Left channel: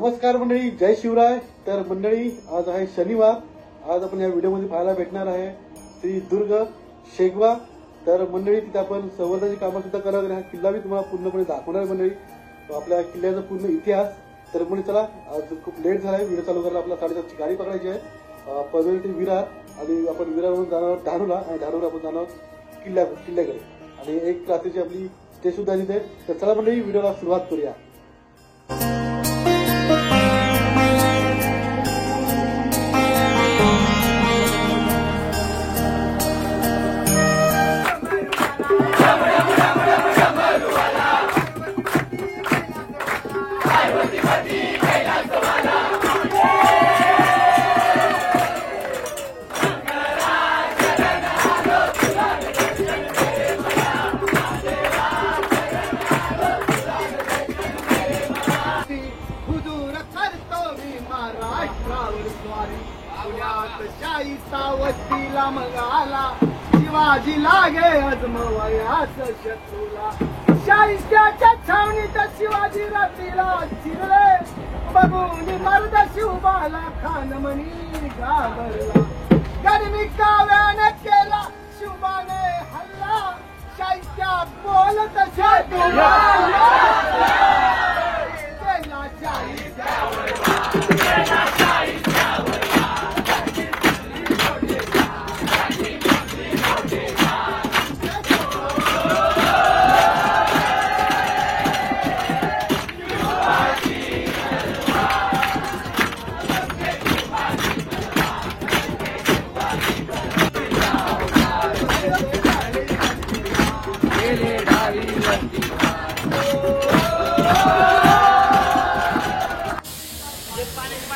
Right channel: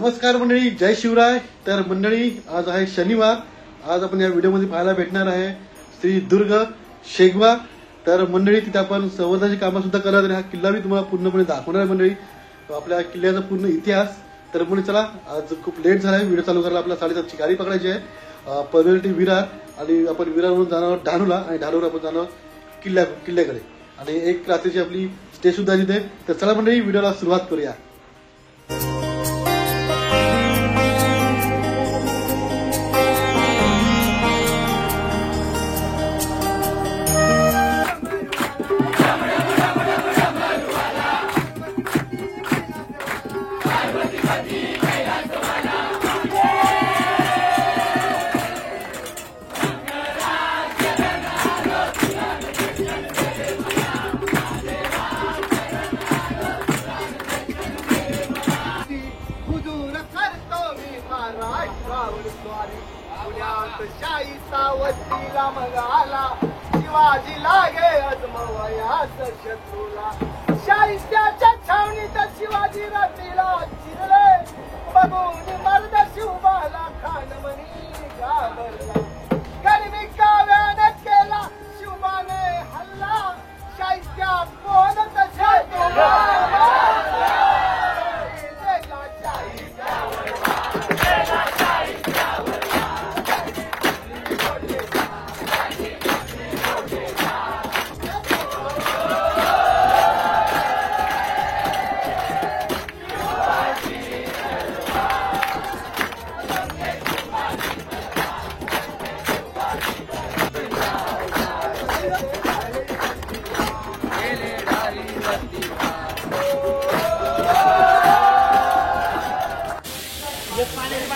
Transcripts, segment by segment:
नमस्कार मंडळी, जय शिवराय। तर मंडळी, आज आहे शनिवार। आज आपण या व्हिडिओमध्ये पाहायला भेटणार आहे श्री दुर्ग शेगवा। तर मंडळी, तिथे आपण संवर्धनाची कामं सुद्धा करणार आहे। हा किल्ला मी तुम्हाला पूर्णपणे दाखवणार आहे मंडळी, आपल्या किल्ल्याचा पूर्ण इतिहास। तर मंडळी चला, आज खूप लेट झाला आहे, व्हिडिओ चालू करायला आपल्याला 7:30ची गाडी पकडायची आहे पनवेल विरार। आणि आपण विरारवरून जाणार धानोला आणि धानोला आपण जाणार किल्ल्याकडे आणि एक रात्रीची आपली स्टे सुद्धा तिथे। तर चला मंडळी, व्हिडिओला सुरुवात करूया। शिवाजी लागे अजमवयाचा शत्रूला, शाहिस्त्याच्या छावणीत शिवाजीला तिला चिरले, बघून मर्द शिवबाला खान म्हणी घाबरला। गरमी काव्याने केला शिवाने हल्ला, शाहिस्त्या बोलत शत्रूला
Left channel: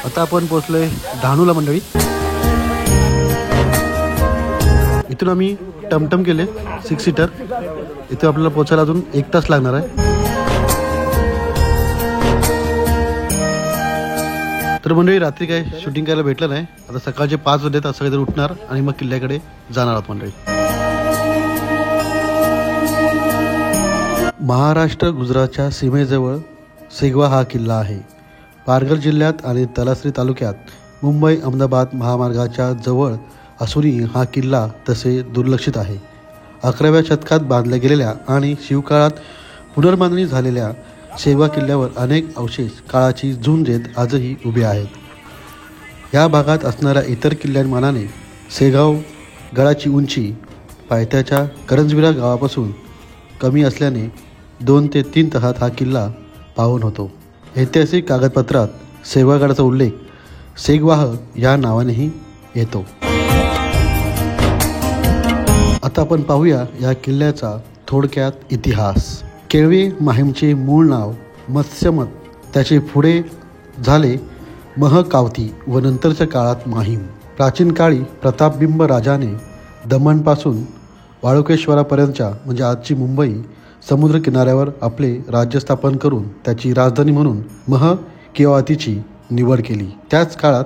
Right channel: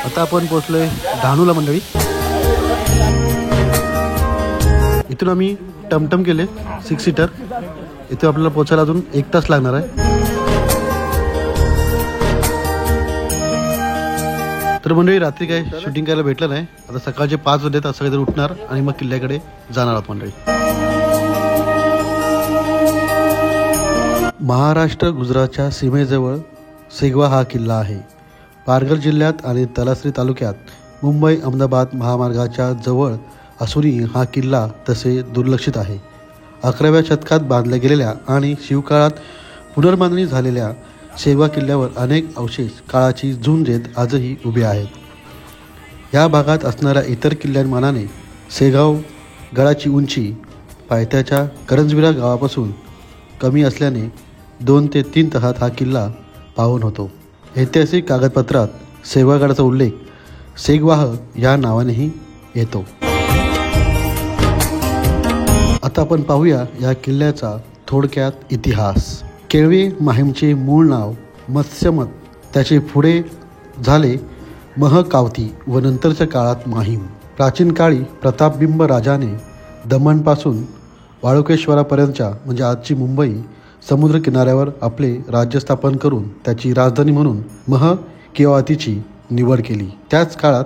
आता आपण पोहोचलोय धानूला मंडळी। इथून आम्ही टमटम केले 6 सीटर। इथे आपल्याला पोहोचायला अजून 1 तास लागणार आहे। तर मंडळी, रात्री काय शूटिंग करायला भेटलं नाही। आता सकाळचे 5 वाजले, तर सगळेजण उठणार आणि मग किल्ल्याकडे जाणार आहोत मंडळी। महाराष्ट्र गुजरातच्या सीमेजवळ शेगवा हा किल्ला आहे। पालघर जिल्ह्यात आणि तलासरी तालुक्यात मुंबई अहमदाबाद महामार्गाच्या जवळ असूनही हा किल्ला तसे दुर्लक्षित आहे। 11व्या शतकात बांधल्या गेलेल्या आणि शिवकाळात पुनर्बांधणी झालेल्या शेगवा किल्ल्यावर अनेक अवशेष काळाची झुंज देत आजही उभे आहेत। या भागात असणाऱ्या इतर किल्ल्यांमानाने शेगाव गडाची उंची पायथ्याच्या करंजविरा गावापासून कमी असल्याने 2 ते 3 तासात हा किल्ला पाहून होतो। ऐतिहासिक कागदपत्रात शेगवागडाचा उल्लेख शेगवाह या नावानेही येतो। आता आपण पाहूया या किल्ल्याचा थोडक्यात इतिहास। केळवे माहीमचे मूळ नाव मत्स्यमत, त्याचे पुढे झाले महकावती व नंतरच्या काळात माहीम। प्राचीन काळी प्रतापबिंब राजाने दमणपासून वाळुकेश्वरापर्यंतच्या म्हणजे आजची मुंबई समुद्र किनाऱ्यावर आपले राज्य स्थापन करून त्याची राजधानी म्हणून महकेवातीची निवड केली। त्याच काळात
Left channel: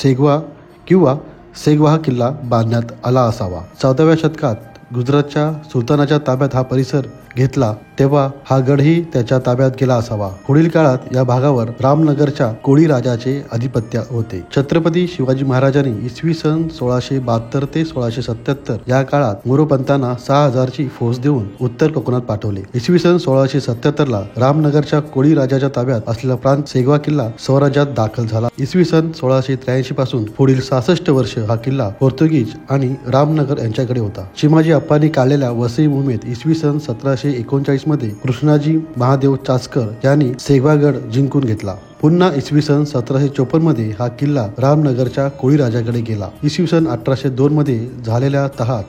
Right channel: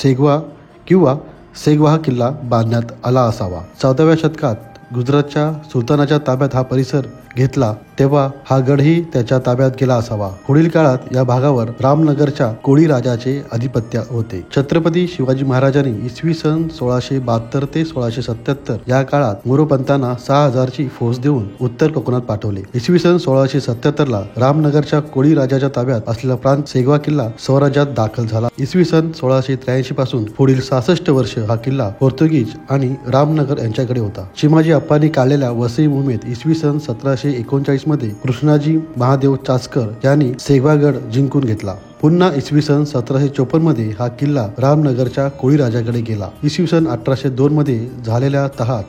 शेगवा किंवा शेगवा हा किल्ला बांधण्यात आला असावा। 14व्या शतकात गुजरातच्या सुलतानाच्या ताब्यात हा परिसर घेतला, तेव्हा हा गडही त्याच्या ताब्यात गेला असावा। पुढील काळात या भागावर रामनगरच्या कोळी राजाचे आधिपत्य होते। छत्रपती शिवाजी महाराजांनी इसवी सन 1672 ते 1677 या काळात मोरोपंतांना 6000ची फौज देऊन उत्तर कोकणात पाठवले। इसवी सन 1677 ला रामनगरच्या कोळी राजाच्या ताब्यात असलेला प्रांत शेगवा किल्ला स्वराज्यात दाखल झाला। इसवी सन 1683 पासून पुढील 66 वर्ष हा किल्ला पोर्तुगीज आणि रामनगर यांच्याकडे होता। चिमाजी अप्पांनी काढलेल्या वसई मोहिमेत इसवी सन 1739 मध्ये कृष्णाजी महादेव चासकर यांनी शेगवागड जिंकून घेतला। पुन्हा इसवी सन 1754 मध्ये हा किल्ला रामनगरच्या कोळी राजाकडे गेला। इसवी सन 1802 मध्ये झालेल्या तहात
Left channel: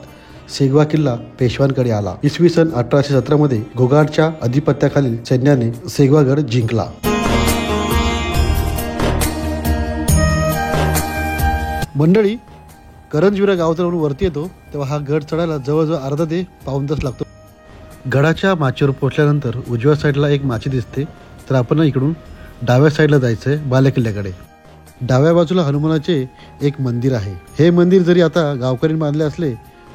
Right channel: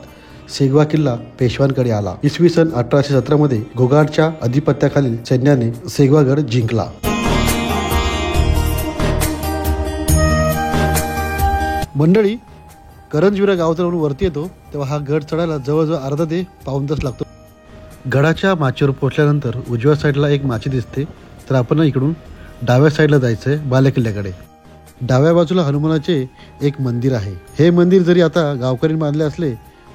शेगवा किल्ला पेशव्यांकडे आला। इसवी सन 1817 मध्ये घोगाडच्या अधिपत्याखालील सैन्याने शेगवागड जिंकला। मंडळी, करंजविरा गावातून वरती येतो तेव्हा हा गड चढायला जवळजवळ अर्धा ते पाऊण तास लागतो। गडाच्या माचीवर पोहोचल्यानंतर उजव्या साईडला एक माची दिसते, तर आपण इकडून डाव्या साईडला जायचंय बालेकिल्ल्याकडे। डाव्या बाजूला हनुमानाचे एक मंदिर आहे। हे मंदिर जरी आता गावकऱ्यांनी बांधले असले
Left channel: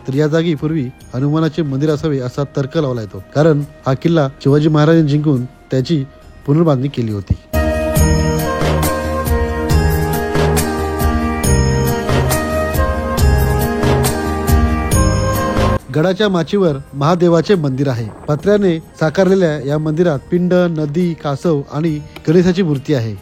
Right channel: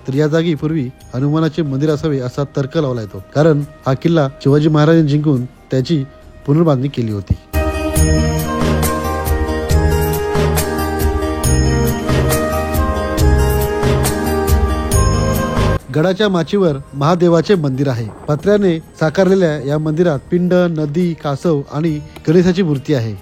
तर या जागी पूर्वी हनुमानाचे मंदिर असावे असा तर्क लावला येतो, कारण हा किल्ला शिवाजी महाराजांनी जिंकून त्याची पुनर्बांधणी केली होती। गडाच्या माचीवर महादेवाचे मंदिर आहे. पत्र्याने साकारलेल्या या मंदिरात पिंड, नदी, कासव आणि गणेशाची मूर्ती आहे.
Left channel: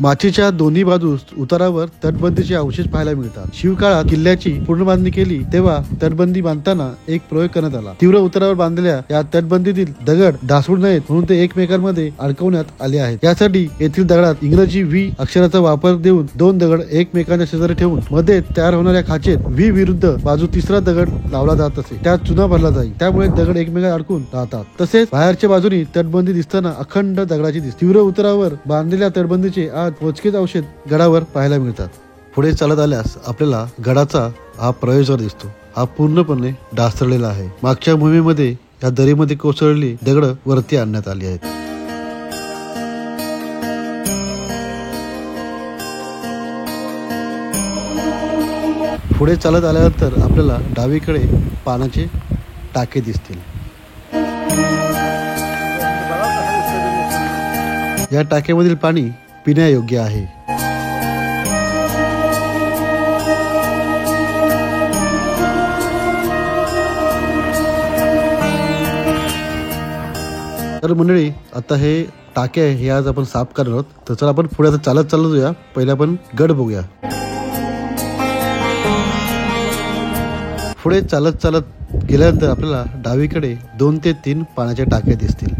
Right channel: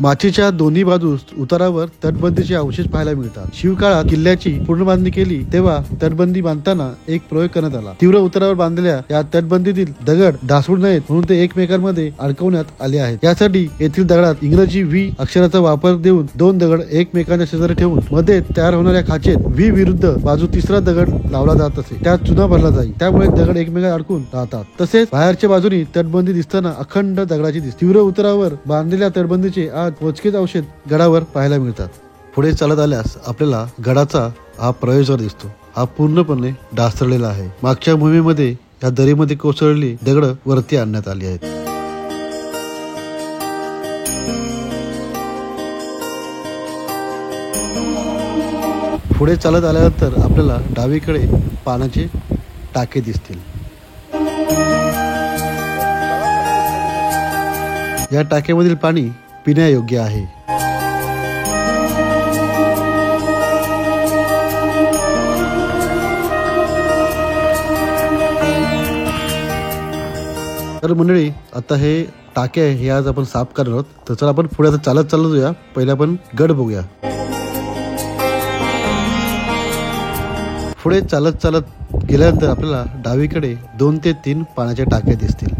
माचीच्या दोन्ही बाजूस उतारावर तटबंदीचे अवशेष पाहायला मिळतात. शिवकाळात किल्ल्याची पुनर्बांधणी केली तेव्हा तटबंदी बांधताना एक प्रयोग करण्यात आला. तीव्र उतारावर बांधलेल्या या तटबंदीतील दगड ढासळू नयेत म्हणून ते एकमेकांमध्ये अडकवण्यात आले आहेत. यासाठी येथील दगडात इंग्रजी व्ही अक्षराचा वापर देऊन दोन दगड एकमेकांच्या शेजारी ठेवून मध्ये तयार होणाऱ्या खाचेत व्ही विरुद्ध बाजू तिसरा दगड लावला जात असे. त्यात चुना भरला जाईल, त्यामुळे दगड एकमेकांना अडकून राहतात. तसेच बाहेरच्या बाजूनी तटबंदी दिसताना अखंड दगडाची दिसते. तीव्र उतारावर बांधलेल्या तटबंदीचे आज मोजकेच अवशेष गडावर पाहायला मिळतात. पुढे चालत आल्यास आपल्याला गडाचा हा प्रवेशद्वार दिसतो. हा पूर्णपणे ढासळलेला आहे. मागच्या भूमीमध्ये या दरीमध्ये कोसळलेली दगड वरती आणण्यात आली आहेत. पुढे चालत आल्यानंतर आपल्याला डावीकडे पाण्याचे टाके दिसतील. या टाक्यामधील पाणी पिण्यायोग्य आहे. तर मंडळी, आता हे टाके आहे हे आज आपण साफ करणार आहोत. तर चला आपण पुढे आता चालत जाऊया. पहिले आपण गड बघूया. पुढे चालत गेल्यानंतर आपल्याला डावीकडे 2 ते 3 पाण्याचे टाके दिसतील.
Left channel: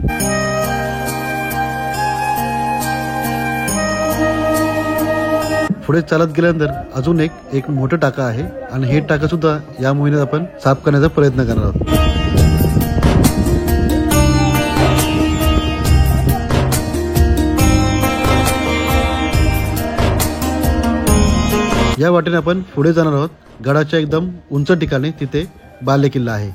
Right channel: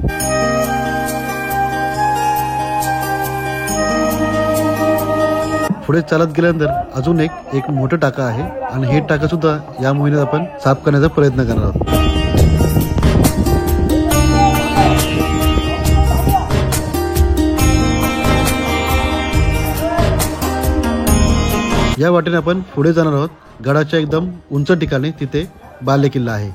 पुढे चालत गेल्यानंतर अजून एक मोठं टाका आहे आणि हे टाका सुद्धा या महिन्यात आपण साफ करण्याचा प्रयत्न करणार आहोत. या वाटेने आपण पुढे जाणार आहोत. गडाच्या एकदम उंच ठिकाणी तिथे बालेकिल्ला आहे.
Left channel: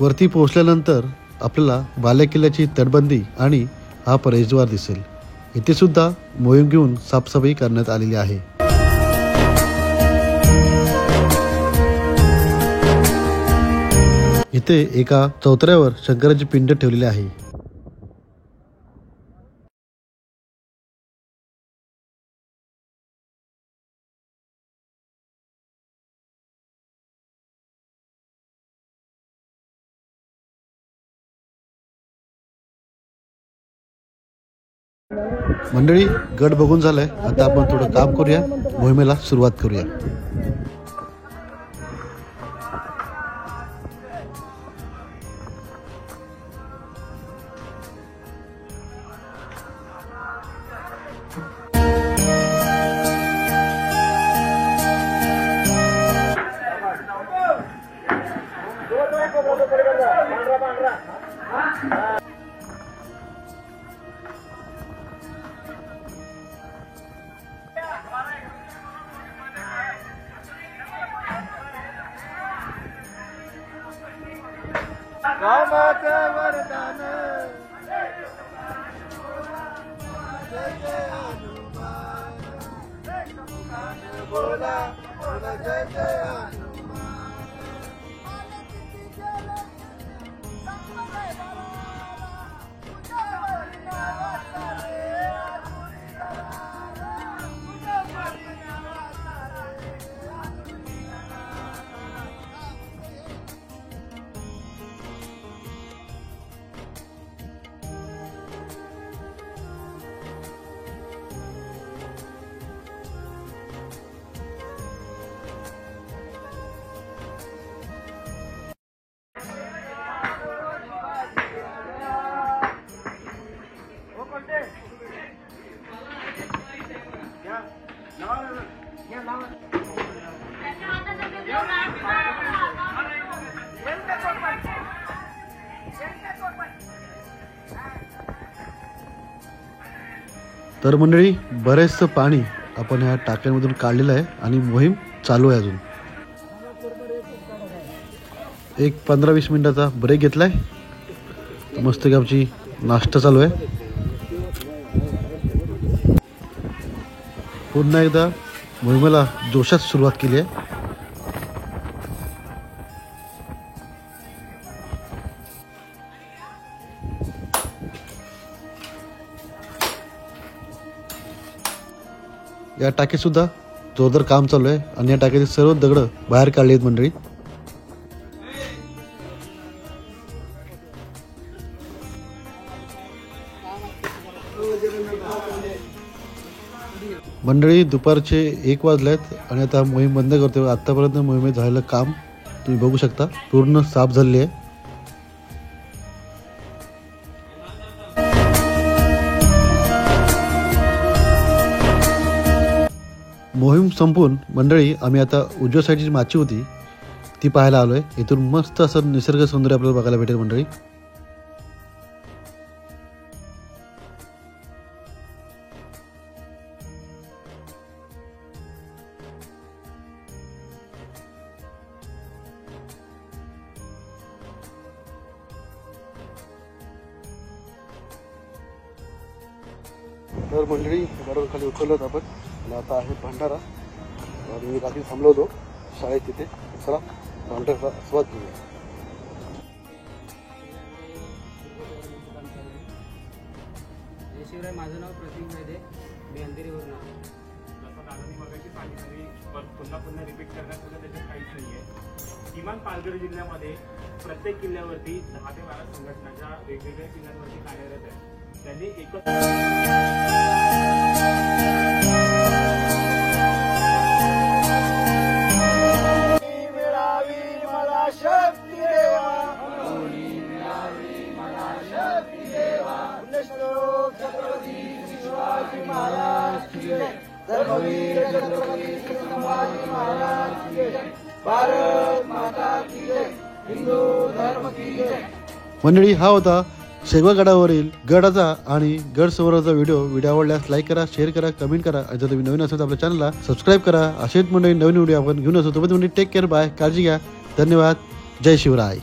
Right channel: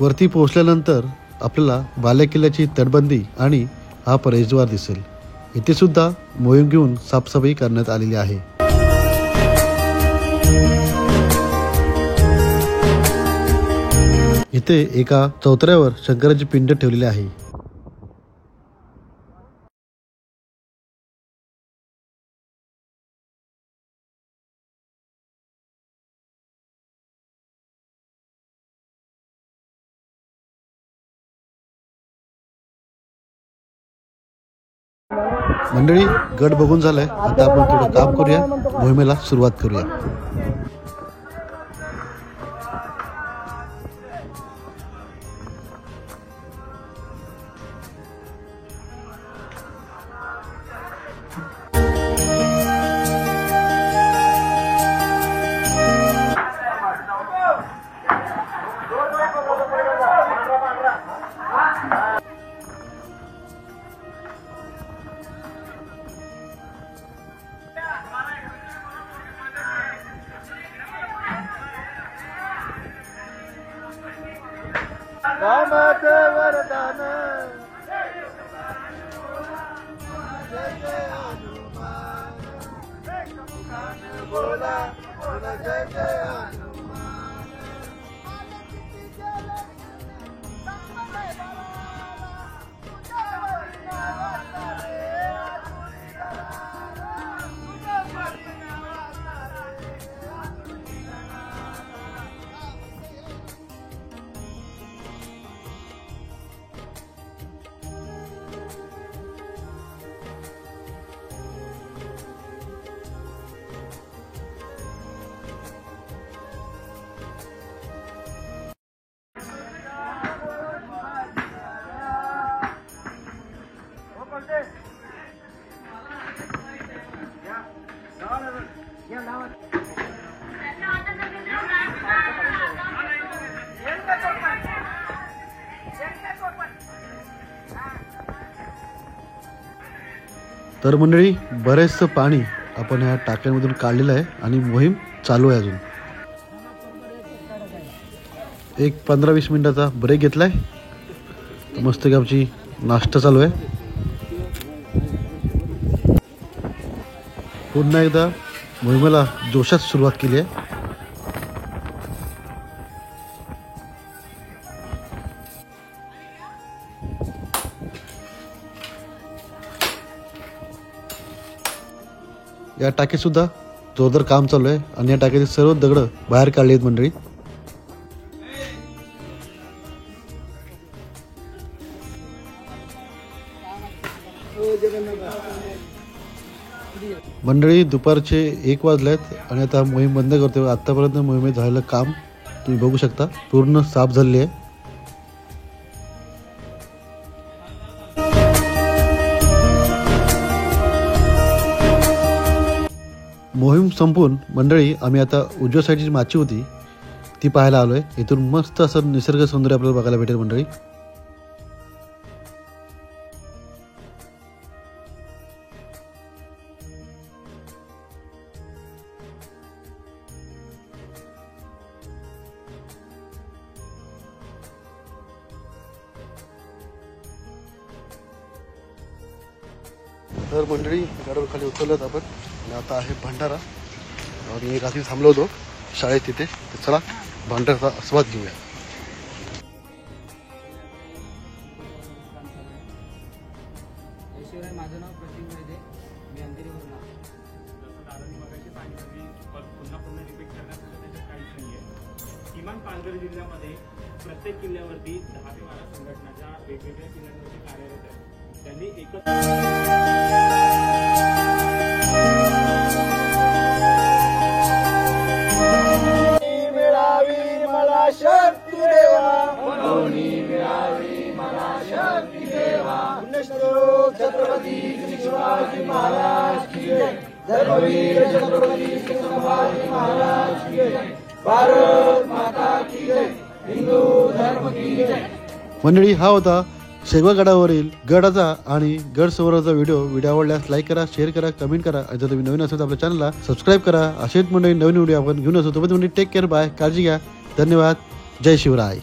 वरती पोहोचल्यानंतर आपल्याला बालेकिल्ल्याची तटबंदी आणि हा प्रवेशद्वार दिसेल. इथे सुद्धा मोहीम घेऊन साफसफाई करण्यात आलेली आहे. इथे एका चौतऱ्यावर शंकराची पिंड ठेवलेली आहे. मंडळी, गड बघून झालाय. आता आपण थोडं काम करूया, मोहिमेला सुरुवात करूया. तर मंडळी बरेचसं पाणी आपण ह्या टाक्यांमधून काढलेलं आहे आणि मोहीम चालू आहे अजून. एक 15-20 मिनिटाचा ब्रेक घेतलाय. मस्त आमची नाश्ता चालू आहे. पुन्हा एकदा मोहिमेला जोशात सुरुवात केली आहे. या टाकीत सुद्धा जोरदार काम चालू आहे आणि या टाकीचे सर्व दगड बाहेर काढली आहेत मंडळी. मंडळी दुपारचे 1 वाजलेत आणि आता मोहीम बंद करतोय. आतापर्यंत मोहिमेत झालेलं काम तुम्ही बघू शकता, पूर्ण साफ झालेली आहे. मोहीम संपून मंडळी आम्ही आता उजव्या साईडची माची होती ती पाहायला आलोय. इथून मस्त असं निसर्ग सौंदर्य आपल्याला बघायला भेटेल मंडळी. तर मंडळी गडावर खाली उतरलोत आपण आणि आता आहे भंडारा. आणि रात्री थांबलो होतो शाळेत तिथे. चला भंडाराचा आस्वाद घेऊया. माझं नाव प्रतीक मध्ये, मी अंधेरीवरून आलो. जसं दादानी मगाशी सांगितलं पुन्हा रिपीट करण्यात त्याच्यात काहीच नाही आहे. किमान पालघर जिल्ह्यामध्ये प्रत्येक किल्ल्यावरती 10 ते 12 संघटनाच्या वेगवेगळ्या किल्ल्यांवरती कार्यरत आहेत. त्यांनी मंडळी हा होता शेगाव गडावरील गडाचा आणि गड सरोवराचा व्हिडिओ आवडल्यास लाईक करा, शेअर करा, कमेंट करा. आणि जर तुम्ही नवीन असेल तर आपल्या चॅनलला सबस्क्राईब करा. असेच मंडळी नवीन व्हिडिओ आपण घेऊन असतो. तुम्ही टेक केअर, बाय, काळजी घ्या. धन्यवाद. जय शिवराय.